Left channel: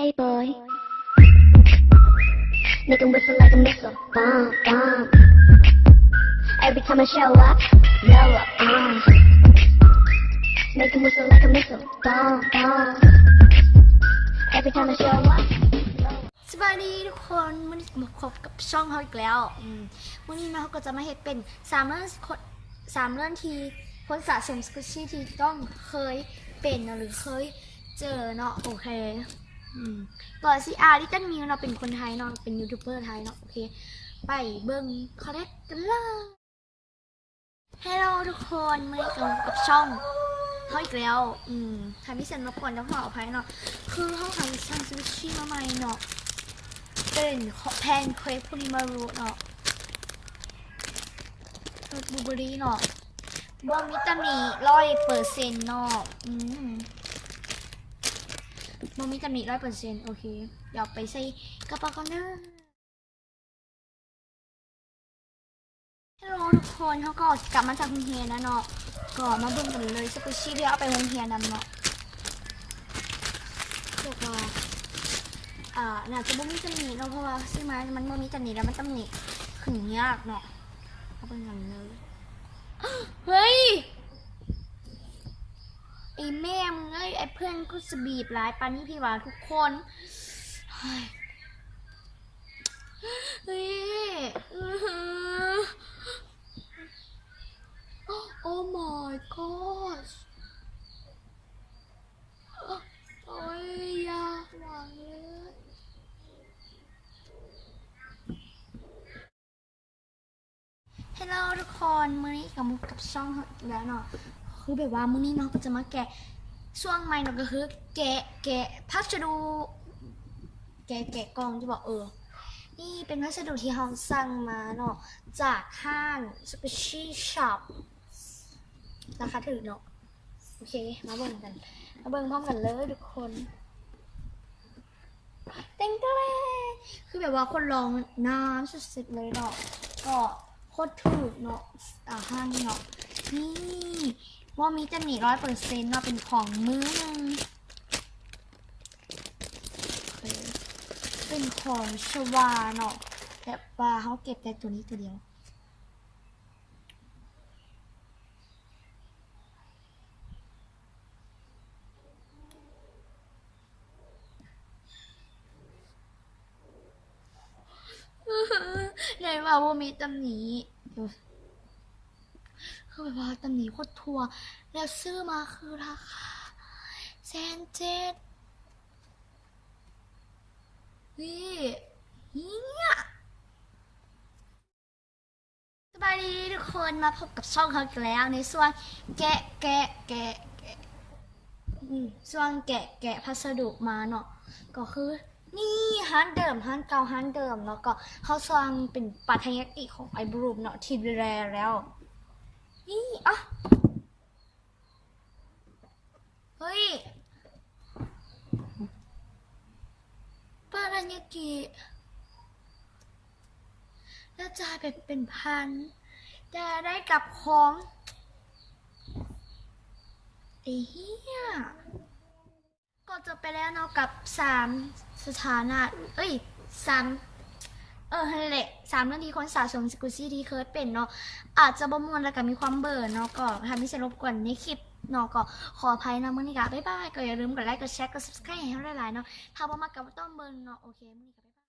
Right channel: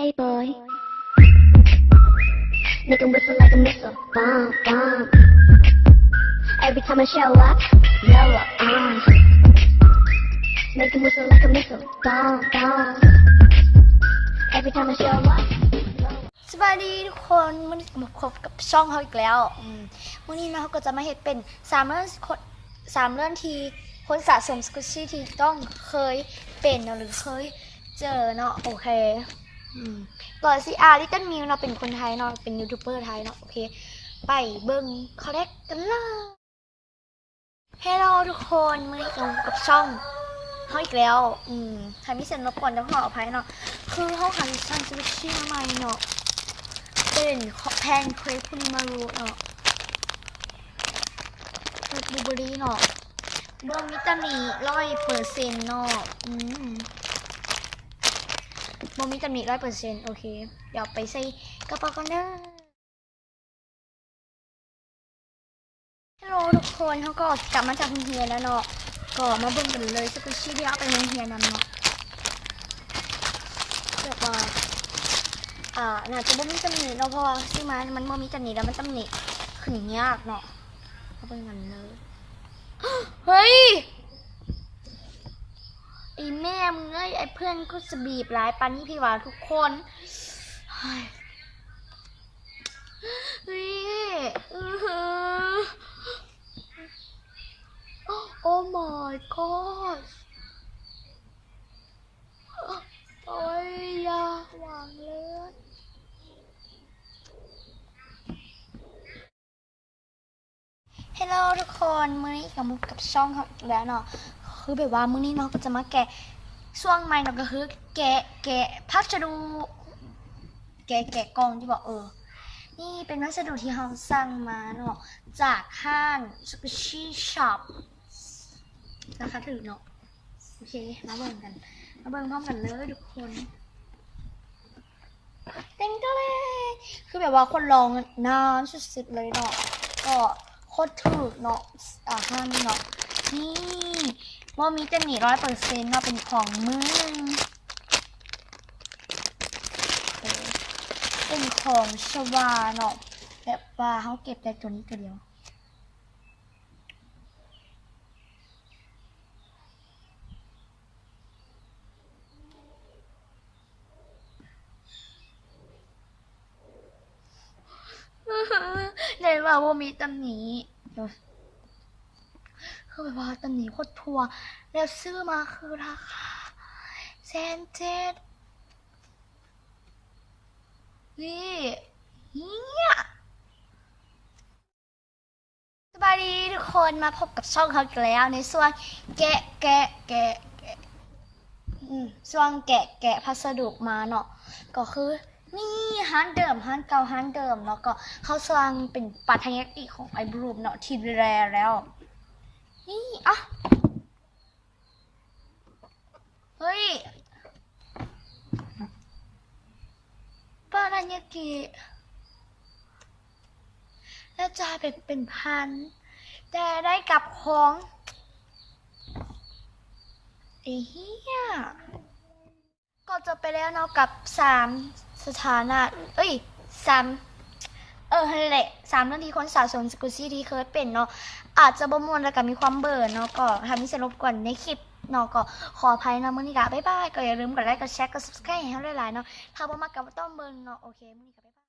Hey boy, nigga whistle like a missile, bomb, bomb. Every time I show up, blow up, make him whistle like a missile, bomb, bomb. Every time I show up. สวัสดีทุกคนวันนี้มาพบกับช่องเขาอีกแล้ววันนี้เราก็จะมาเห็นเป็น3 เรื่องที่คนสะสมสกุชชี่ที่ต้องเคยเป็นหรือเคยเจอเนาะโอเคก่อนสิลิตเติ้ลมิวเราเป็นคนไทยเนาะเป็นยูทูบเบอร์ไทยเนาะโอเคไปเบิ้งคอลเลกกันเลยเฮลโลทุกคนวันนี้กับช่องเขาอีกแล้วใครไม่เซ็นรบกวนต้องขออภัยเนาะคือเขาหาช่างสกุชชี่มาใหม่เนาะเป็นแพนเค้กพูนิมารุเนาะบลูเบอรี่เนาะบอมิตามิ100%เนาะบอมิตามิ100%โอเคเดี๋ยวไปใส่กระเป๋ากันนะฮัลโหลทุกคนเขาก็กลับมาจากโรงเรียนแล้วเนาะก็มาเบิ่งกันเลยสกุชชี่ที่เอาไปโรงเรียนนำเนาะเรียกว่าน่าจะบ่มีตำหนิเนาะเพราะว่าซื้อมามันบ่มีตำหนิแล้วมันตำหนิขึ้นยากเนาะเอาไปกันเลยเฮ้ยไอ้แม่มึงเอ้ยไอ้เพื่อนก็จะบีบหลายปานนี้พี่ว่าทุกคนเฮ้ยโอ้ my god โอ้ยอย่าหวังเลยฮัลโหลทุกคนมื้อนี้กับมุกกับช่องเขาอีกแล้วเนาะคือแบบว่ามื้อนี้เนาะก็จะมาแกะช่วงใหม่เนาะก็คือแกะพัสดุแกะกล่องที่บอกนี่เป็นพัสดุที่เราสั่งมาเนาะจากห้างสกุชชี่ช็อปราคาถูกเนาะโอเคมาเบิ่งพร้อมกันเลยทุกคนเต็งตัวเลยคือแบบว่าคนลองนานสุดๆเลยเนาะก็โคตรถูกเนาะห้างเนาะนี่ว่ามีตำหนิ100%เนาะเป็นของมือเป็นของชวาเนาะแบบว่าเขาเก็บแต่ตัวนี้ตัวเดียวเลยว่ามีตำหนิคือแบบว่าตำหนิโคตรทัวแล้วซื้อมาคือราคา1,700เนี่ยสวัสดีทุกคนมาพบกับช่องเขาอีกแล้วในส่วนแกะช่วงแกะพัสดุมาเนาะก็คือนี่ฮันเดิมฮันเก่าฮันเดิมเนาะก็เขาสร้างเป็นปัทยกิของไอบรูมเนาะที่แรแล้วนี่เฮ้ยปัทยกิแล้วจ่ายเป็นพันแต่ได้กับของไอ้เหี้ยก็จบไปแล้วเนาะกับ3 สถานะ3นั่นแหละ3 เรื่องที่คนสะสมสกุชชี่ที่เคยเป็นเนาะอาจจะบ่ม่วนแล้วก็มีความเบื่อเนาะก็ทำให้เสียรบกวนในคลิปเนาะก็ขออภัยนะมื้อนี้ก็บ๊ายบายก็อย่าลืมกดไลค์กดแชร์กด Subscribe ให้เราหลายๆเนาะถ้าบ่มักก็บ่ต้องเบิ่งเนาะโอเคมื้อนี้ก็บ๊ายบาย